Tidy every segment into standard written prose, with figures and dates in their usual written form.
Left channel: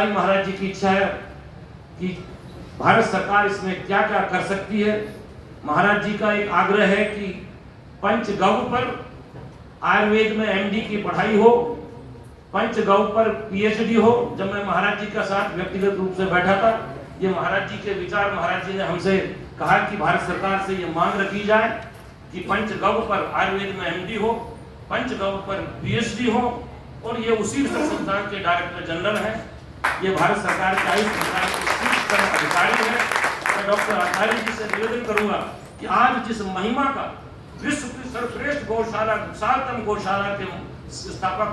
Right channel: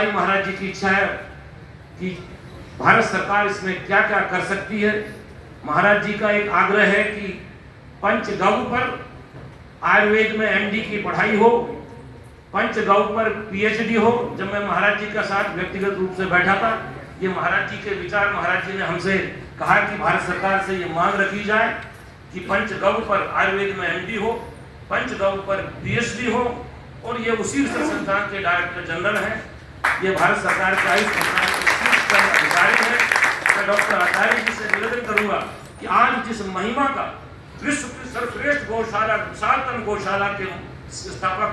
आचार्य महाराज जी की इच्छा है कि भारत सरकार इसमें क्या क्या कर सकती है। महाराज जी का एक आग्रह है कि पंचगव्य पर आयुर्वेद में एमडी की पढ़ाई हो, पंचगव्य पर पीएचडी हो। जब मैं महाराज जी का साथ व्यक्तिगत रूप से बैठा था, ये महाराज जी के विचार, महाराज जी ने हमसे कहा कि भारत सरकार से ये मांग रखी जाए कि पंचगव्य पर आयुर्वेद में एमडी हो, पंचगव्य पर पीएचडी हो, और ये उसी संस्थान के डायरेक्टर जनरल हैं। ये भारत सरकार के आयुष संस्थान के शीर्ष अधिकारी हैं। मैं डॉक्टर आचार्य जी से निवेदन करूंगा कि आज जिस महिमा का विश्व की सर्वश्रेष्ठ गौशाला, विशालतम गौशाला के स्थापक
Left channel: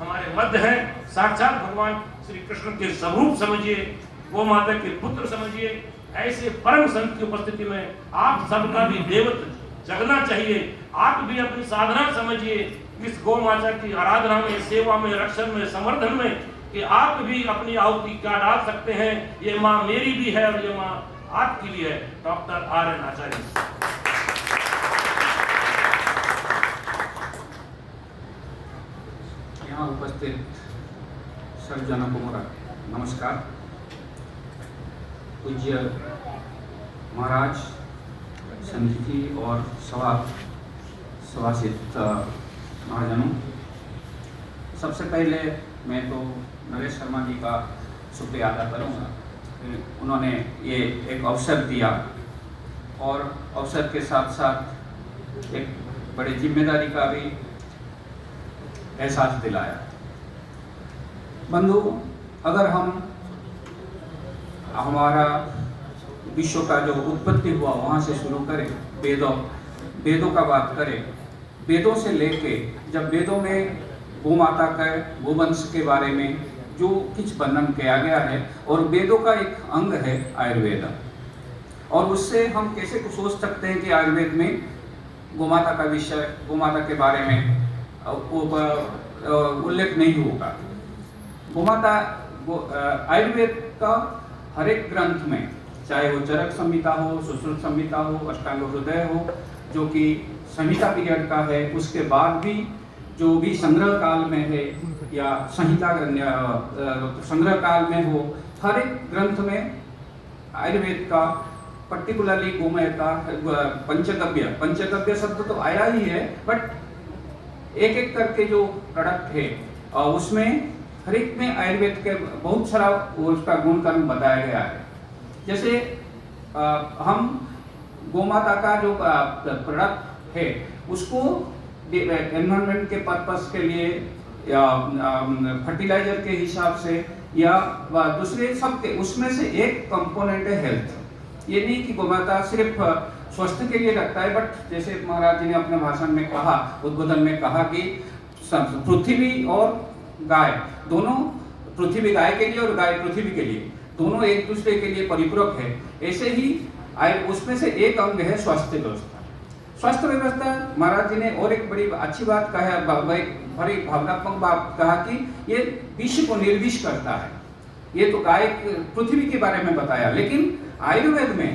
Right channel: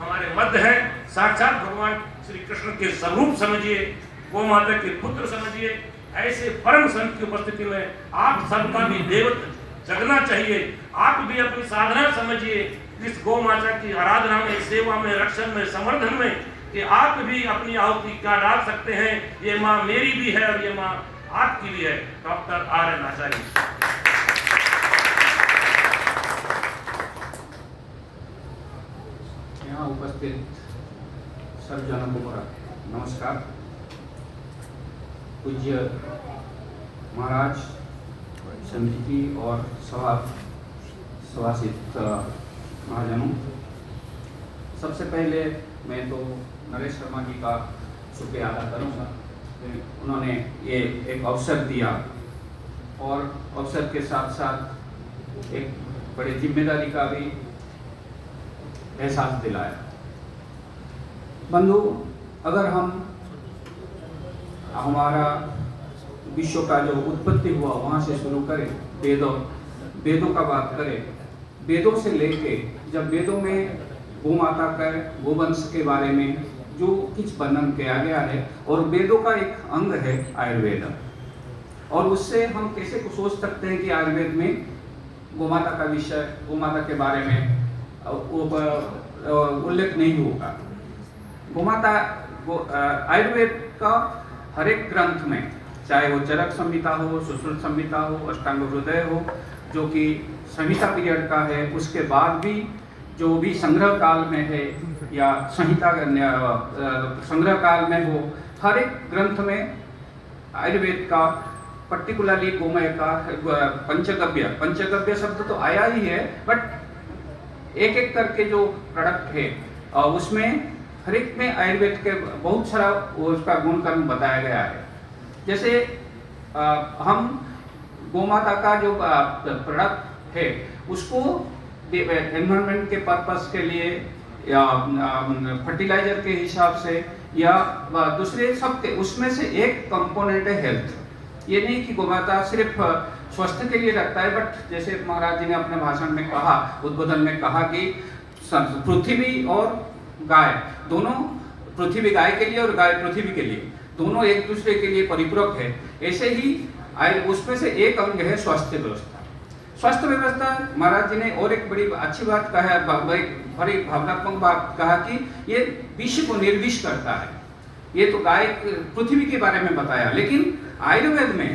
हमारे मध्य हैं, साक्षात भगवान श्री कृष्ण के स्वरूप समझिए, गौ माता के पुत्र समझिए, ऐसे परम संत की उपस्थिति में आप सबका भी देवत्व जगना चाहिए। आप भी अपनी साधना समझिए इस गौ माता की आराधना में, सेवा में, रक्षण में, संवर्धन में, कि आप भी अपनी आहुति क्या डाल सकते हैं। ये माँ मेरी भी है और ये माँ आपकी भी है। Doctor R N. आचार्य। यहाँ उपस्थित सर्वजनों को मेरा नमस्कार। पूज्य महाराज, संत और सभासित महाजनों, सबसे पहले मैं तो नरेश शर्मा जी का शुक्रिया अदा करूँगा। उन्होंने ये एक अवसर दिया और अवसर के साथ साथ एक बड़ी जिम्मेदारी का भी एहसास दिलाया। बंधु, अगर हम हमारा विश्व का जो उत्पत्ति हुआ वहाँ से शुरू करें, वेदों का बात करें, वेदों से लेके जब वेदों में गौ माता का गोवंश के बारे में जो कुछ वर्णन किया गया है, और वेदों का एक अंग है आयुर्वेद, और उससे हम कैसे कुछ सोच सकते हैं कि आयुर्वेद में गौ माता का विषय, गौ माता के बारे में उल्लेख नहीं होगा। गौ माता आयुर्वेद का हर एक ग्रंथ में, चाहे वो चरक संहिता हो, सुश्रुत संहिता हो, अष्टांग हृदय हो, जो कि संहिता पीरियड का है, उसके बाद भी जो भी संग्रह काल में है या संहिता संग्रह काल में हो, हर एक ग्रंथ में आयुर्वेद का पर्टिकुलरली गोमय का पंचगव्य शब्द तो आया ही है, बट एक एक करके जो प्रोडक्ट है उसमें हर एक में आयुर्वेद के बहुत सारा उसका गुणकर्म बताया गया है। जैसे हम गोमाता का जो प्रोडक्ट है उसको एनवायरनमेंट के पर्पस के लिए या फर्टिलाइजर के हिसाब से या दूसरे सब के, उसमें से एक कंपोनेंट है हेल्थ। ये नहीं कि गोमाता सिर्फ स्वास्थ्य के लिए रखता है, बट जैसे महाराज जी ने अपने भाषण में कहा, उद्बोधन में कहा कि पृथ्वी और गाय दोनों, पृथ्वी गाय के लिए और गाय पृथ्वी के लिए, दोनों एक दूसरे के लिए परिपूरक है। ऐसे ही उसमें से एक अंग है स्वास्थ्य व्यवस्था। स्वास्थ्य व्यवस्था महाराज जी ने और एक बड़ी अच्छी बात कहा, बड़ी भावनात्मक बात कहा कि ये विष को निर्विष करता है। ये तो गाय पृथ्वी के बारे में बताया, लेकिन आयुर्वेद में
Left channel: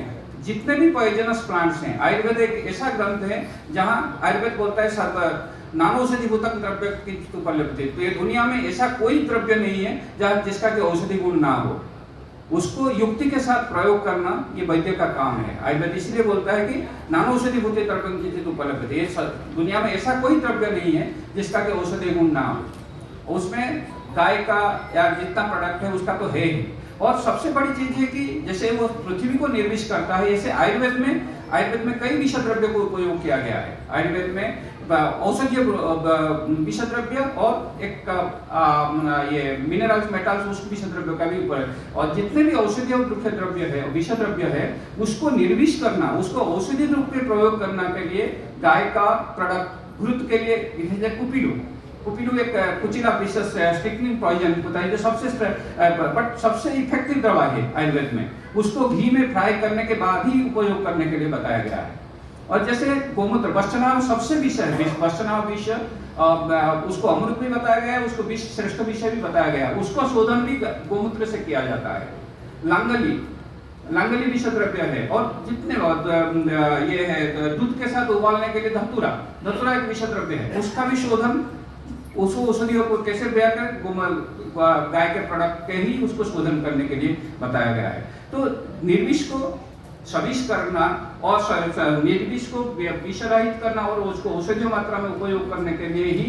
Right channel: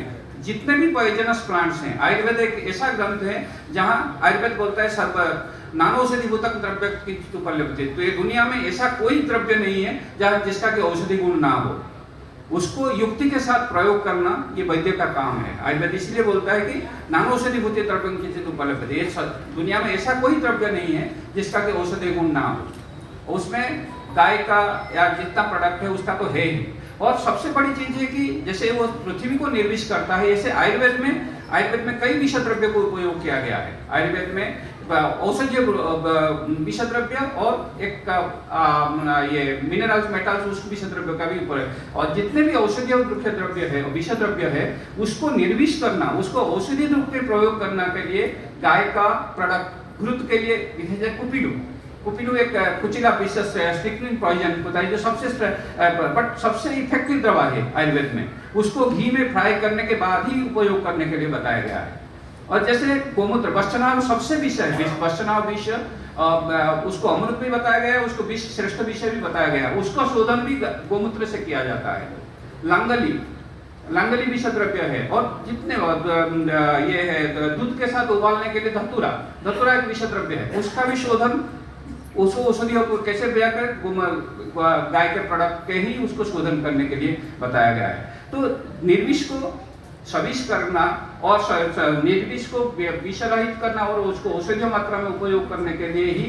जितने भी पॉइजनस प्लांट्स हैं, आयुर्वेद एक ऐसा ग्रंथ है जहाँ आयुर्वेद बोलता है सर्व नानौषधिभूतक द्रव्य की उपलब्धि। तो ये दुनिया में ऐसा कोई द्रव्य नहीं है जहाँ जिसका कि औषधि गुण ना हो। उसको युक्ति के साथ प्रयोग करना ये वैद्य का काम है। आयुर्वेद इसलिए बोलता है कि नानौषधिभूत द्रव्य की उपलब्धि। ये दुनिया में ऐसा कोई द्रव्य नहीं है जिसका कि औषधि गुण ना हो। उसमें गाय का या जितना प्रोडक्ट है उसका तो है ही। और सबसे बड़ी चीज है कि जैसे वो पृथ्वी को निर्विष करता है, ऐसे आयुर्वेद में कई विष द्रव्य को उपयोग किया गया है। आयुर्वेद में औषधीय विष द्रव्य और एक ये मिनरल्स, मेटल्स, उस विष द्रव्य का भी उपयोग, और जितने भी औषधीय द्रव्य है, विष द्रव्य है, उसको निर्विष करना, उसको औषधि रूप में प्रयोग करने के लिए गाय का प्रोडक्ट घृत के लिए कुपिलू एक कुचिला विशेष स्टिकनिंग पॉइजन होता है जो सबसे इफेक्टिव दवा है आयुर्वेद में। उसको घी में फ्राई करने के बाद ही उपयोग करने के लिए बताया गया है। और जैसे गोमूत्र, वश्चनाव सबसे विष है, वश्चनाव विष, उसको अमृत भी बताया गया है, उसको विष श्रेष्ठ विष भी बताया गया है। उसका शोधन भी गोमूत्र से किया जाता है। लांगली विष द्रव्य है, और जितने ये है दूध के साथ उबालने के लिए धतूरा एक विष द्रव्य है, उसका भी शोधन उसको औषधियों को कैसे व्यय करें, गाय के प्रोडक्ट के ही उसको शोधन करने के लिए बताया गया है। तो निर्विष को सविष करना और निर्विष को विषरहित करना और उसको औषधीय मात्रा में उपयोग करने के लिए ही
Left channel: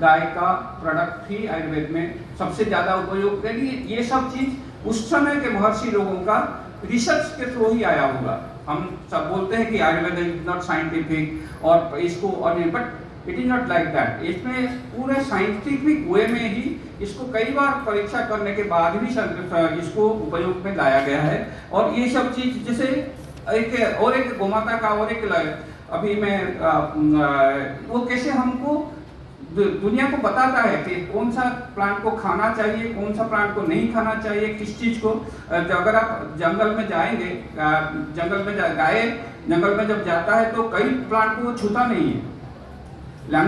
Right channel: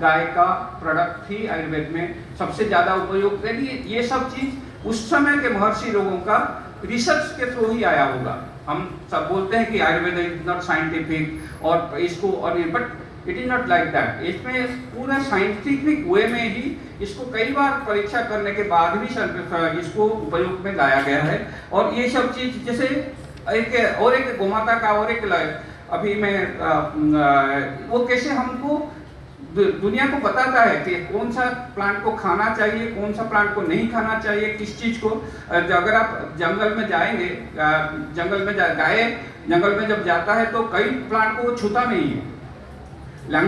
गाय का प्रोडक्ट ही आयुर्वेद में सबसे ज़्यादा उपयोग करेगी। ये सब चीज़ उस समय के महर्षि लोगों का रिसर्च के थ्रू ही आया होगा। हम सब बोलते हैं कि आयुर्वेद इज नॉट साइंटिफिक और इसको और but it is not like that. इसमें पूरा साइंटिफिक वे में ही इसको कई बार परीक्षा करने के बाद भी इसको उपयोग में लाया गया है। और ये सब चीज जैसे एक गोमाता का और एक अभी मैं वो कैसे हमको दुनिया को बताता है कि कौन सा प्लांट को खाना चाहिए, कौन सा प्लांट को नहीं खाना चाहिए, किस चीज को। अगर आप जंगल में जाएंगे, जंगल में गाय जंगल में जब जाता है तो कई प्लांट को छूता नहीं है,